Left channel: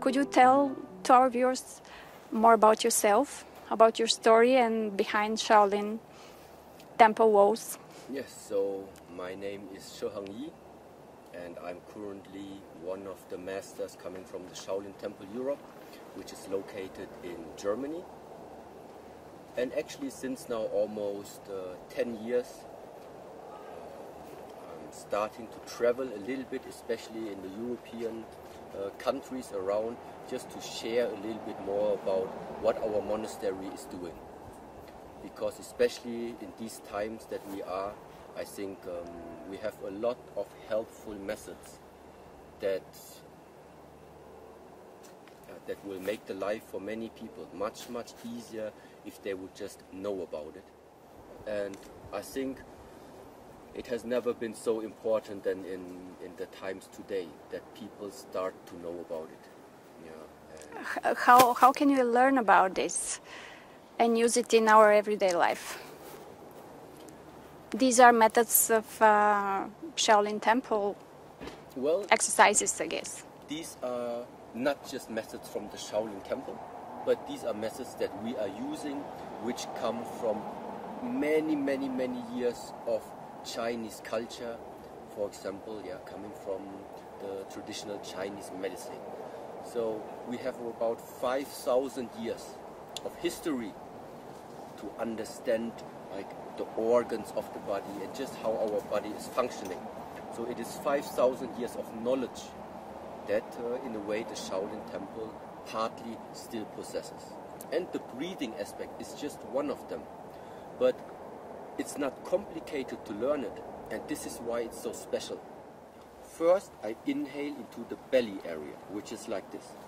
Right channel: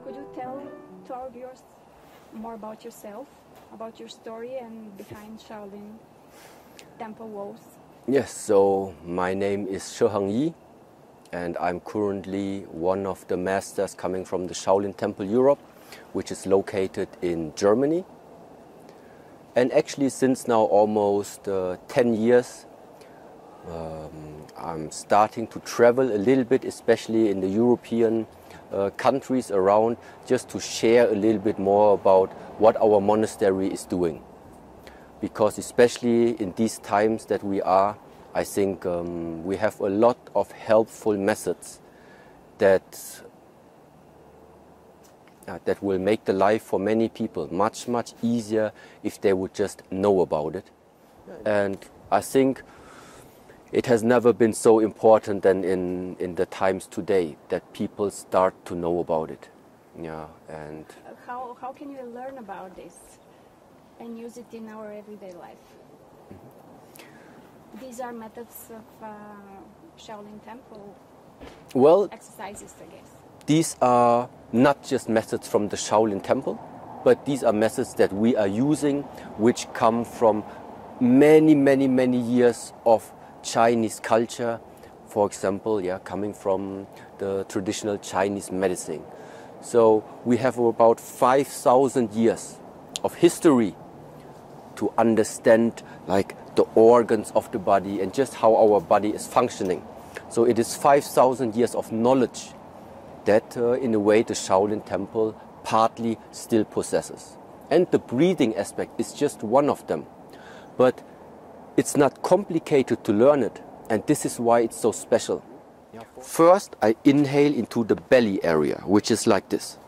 Could you tell to our viewers more about yourself, about your story and behind Shaolin Temple walls? Yes, so my name is Shi Heng Yi, and I'm currently one of the masters coming from the Shaolin Temple Europe, which is located in Germany. And actually since now almost 10 years, I'm starting to travel a little bit, especially in the European countries around, just to share a little bit more about what our monastery is doing. Because especially in these times that we are, I think we have a lot of helpful methods that will make the life for many people much easier if they would just know about it. And I think it has never been so important than in the times today that people start to know about it. Yeah. And how can you learn about this and use it in our everyday life? These are methods of Shaolin Temple exercises, I guess. These are not just methods from the Shaolin Temple, but these are methods that we are using which come from many years of Chinese culture, for example, coming from the traditional Chinese medicine. So we have about 5,000 years of history to understand like the organs of the body and just how our body is functioning. So it is 5,000 years of knowledge that in a way the Shaolin Temple partly still possesses. And the breathing aspect is just one of them. But it's not complicated to learn it, and this is why it's so special. First, I inhale into the belly area, which is like this.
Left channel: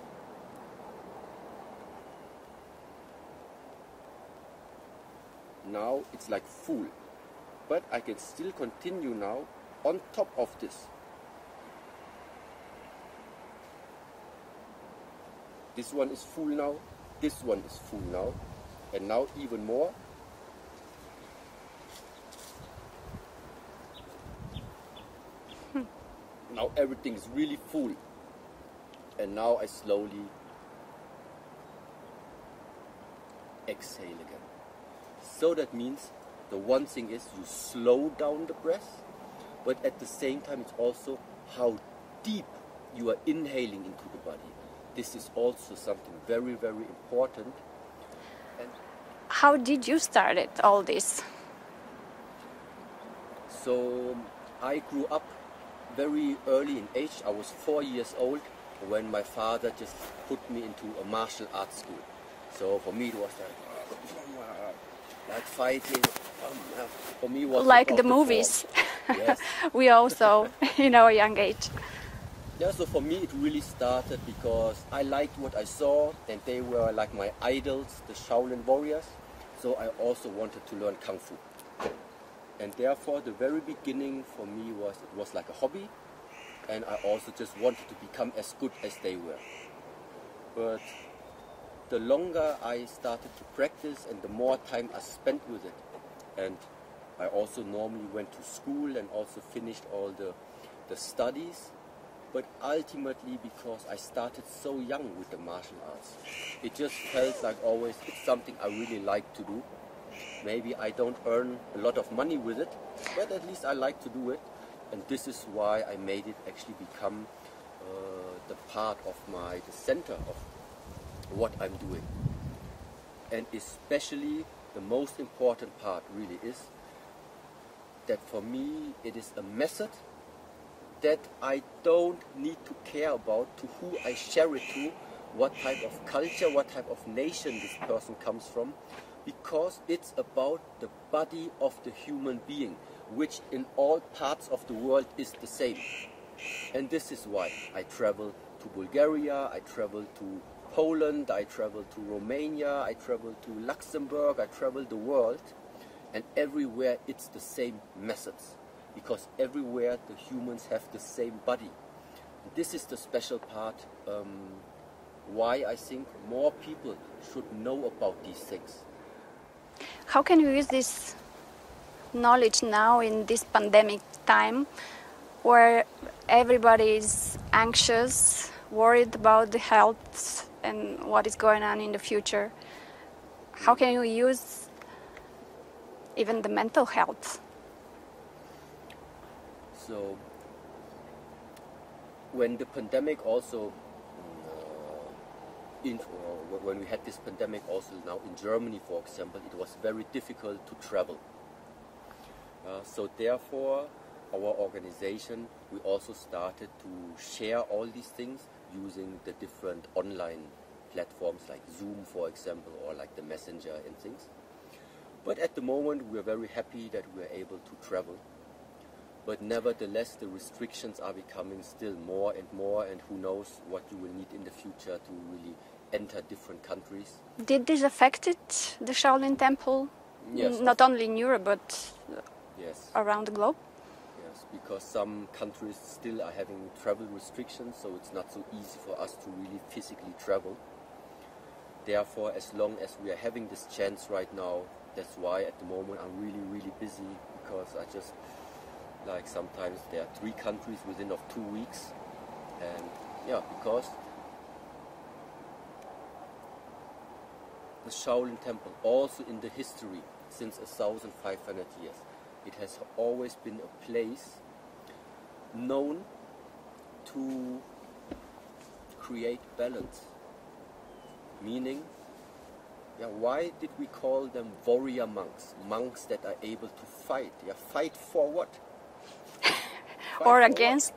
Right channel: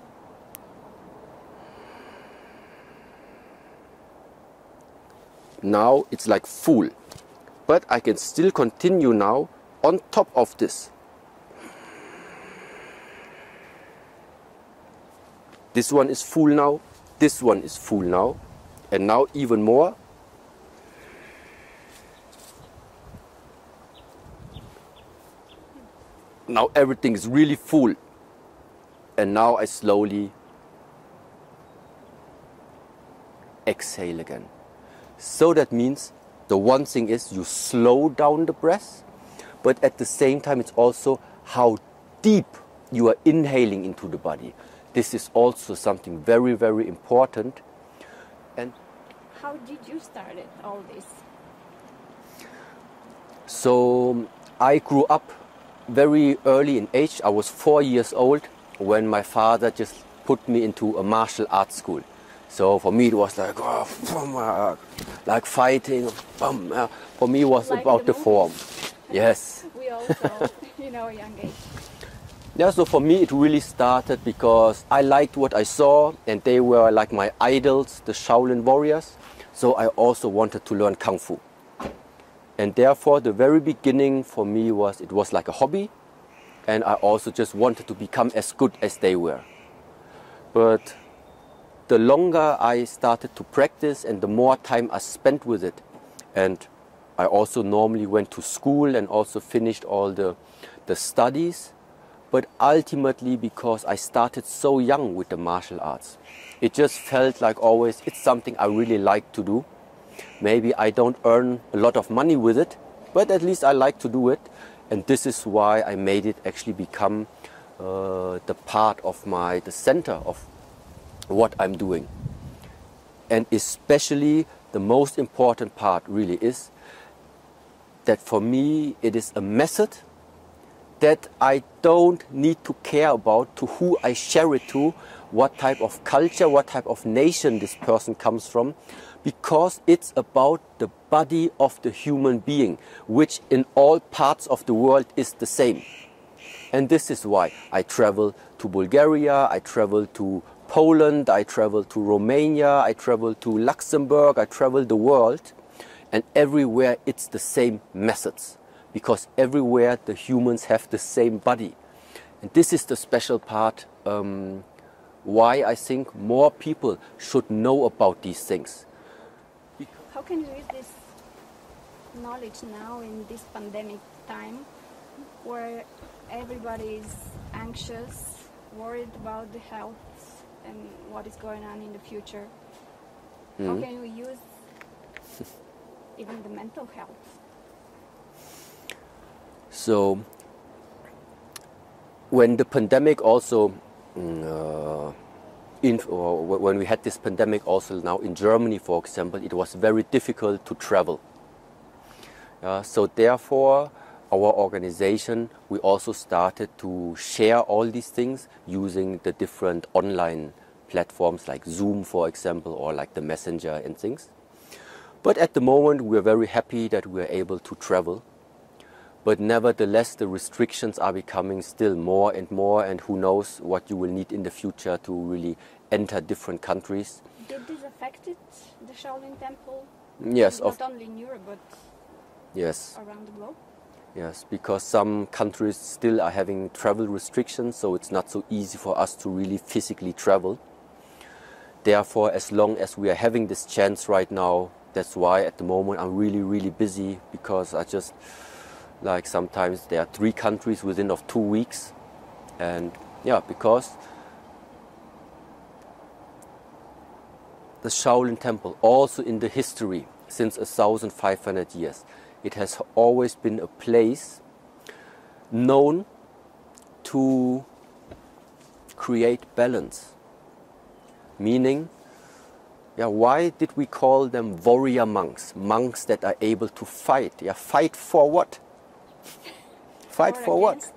Now it's like full, but I can still continue now on top of this. This one is full now, this one is full now, and now even more. Now everything is really full, and now I slowly exhale again. So that means the one thing is you slow down the breath, but at the same time it's also how deep you are inhaling into the body. This is also something very important. And how did you start it, all this? So I grew up very early in age. I was 4 years old when my father just put me into a martial arts school. So for me it was like, like fighting. For me it was like about the movies. form. Yes. We also in our young age. Yeah, so for me it really started because I liked what I saw, and they were like my idols, the Shaolin warriors. So I also wanted to learn Kung Fu. And therefore the very beginning for me it was like a hobby, and I also just wanted to become as good as they were. But the longer I started to practice and the more time I spent with it, and I also normally went to school and also finished all the studies, but ultimately because I started so young with the martial arts, it just felt like always it's something I really like to do. Maybe I don't earn a lot of money with it, but at least I like to do it. And this is why I made it actually become the part of the center of what I'm doing. And especially the most important part really is that for me it is a method that I don't need to care about to who I share it to, what type of culture, what type of nation this person comes from, because it's about the body of the human being, which in all parts of the world is the same. And this is why I travel to Bulgaria, I travel to Poland, I travel to Romania, I travel to Luxembourg, I travel the world, and everywhere it's the same methods, because everywhere the humans have the same body. And this is the special part why I think more people should know about these things. How can you use this knowledge now in this pandemic time where everybody is anxious, worried about the health and what is going on in the future, how can you use even the mental health? So when the pandemic also, when we had this pandemic also now in Germany, for example, it was very difficult to travel. So therefore, our organization, we also started to share all these things using the different online platforms like Zoom, for example, or like the Messenger and things. But at the moment, we're very happy that we're able to travel. But nevertheless, the restrictions are becoming still more, and who knows what you will need in the future to really enter different countries. Did this affect the Shaolin Temple? Yes. Not only in Europe, but yes, around the globe? Yes, because some countries still are having travel restrictions, so it's not so easy for us to really physically travel. Therefore, as long as we are having this chance right now, that's why at the moment I'm really busy, because I just, like, sometimes there are 3 countries within of 2 weeks. And yeah, because the Shaolin Temple, also in the history, since 1,500 years, it has always been a place known to create balance. Meaning, why did we call them warrior monks? Monks that are able to fight. Fight for what? Fight or for against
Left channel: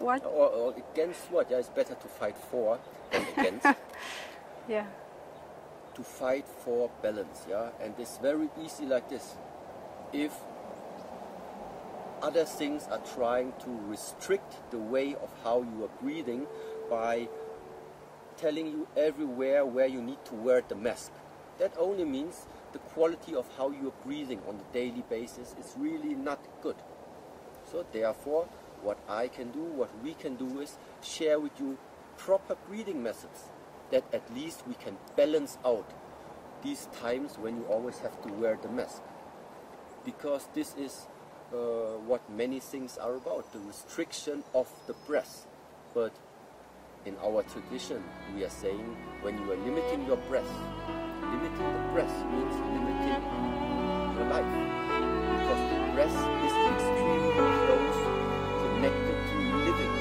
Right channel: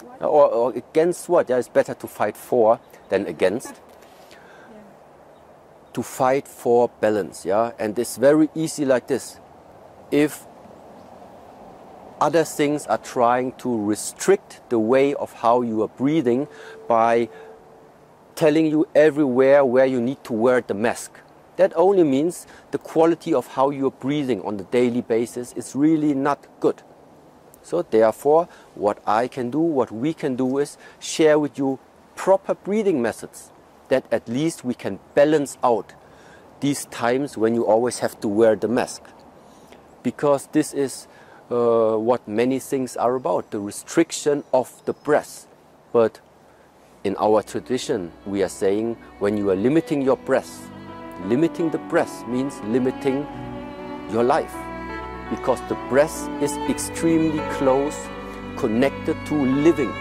what? Or against what? It's better to fight for than against. Yeah. To fight for balance, and it's very easy like this. If other things are trying to restrict the way of how you are breathing by telling you everywhere where you need to wear the mask, that only means the quality of how you are breathing on a daily basis is really not good. So therefore, what I can do, what we can do, is share with you proper breathing methods that at least we can balance out these times when you always have to wear the mask. Because this is what many things are about, the restriction of the breath. But in our tradition, we are saying when you are limiting your breath, limiting the breath means limiting your life. Because the breath is extremely close connected to living.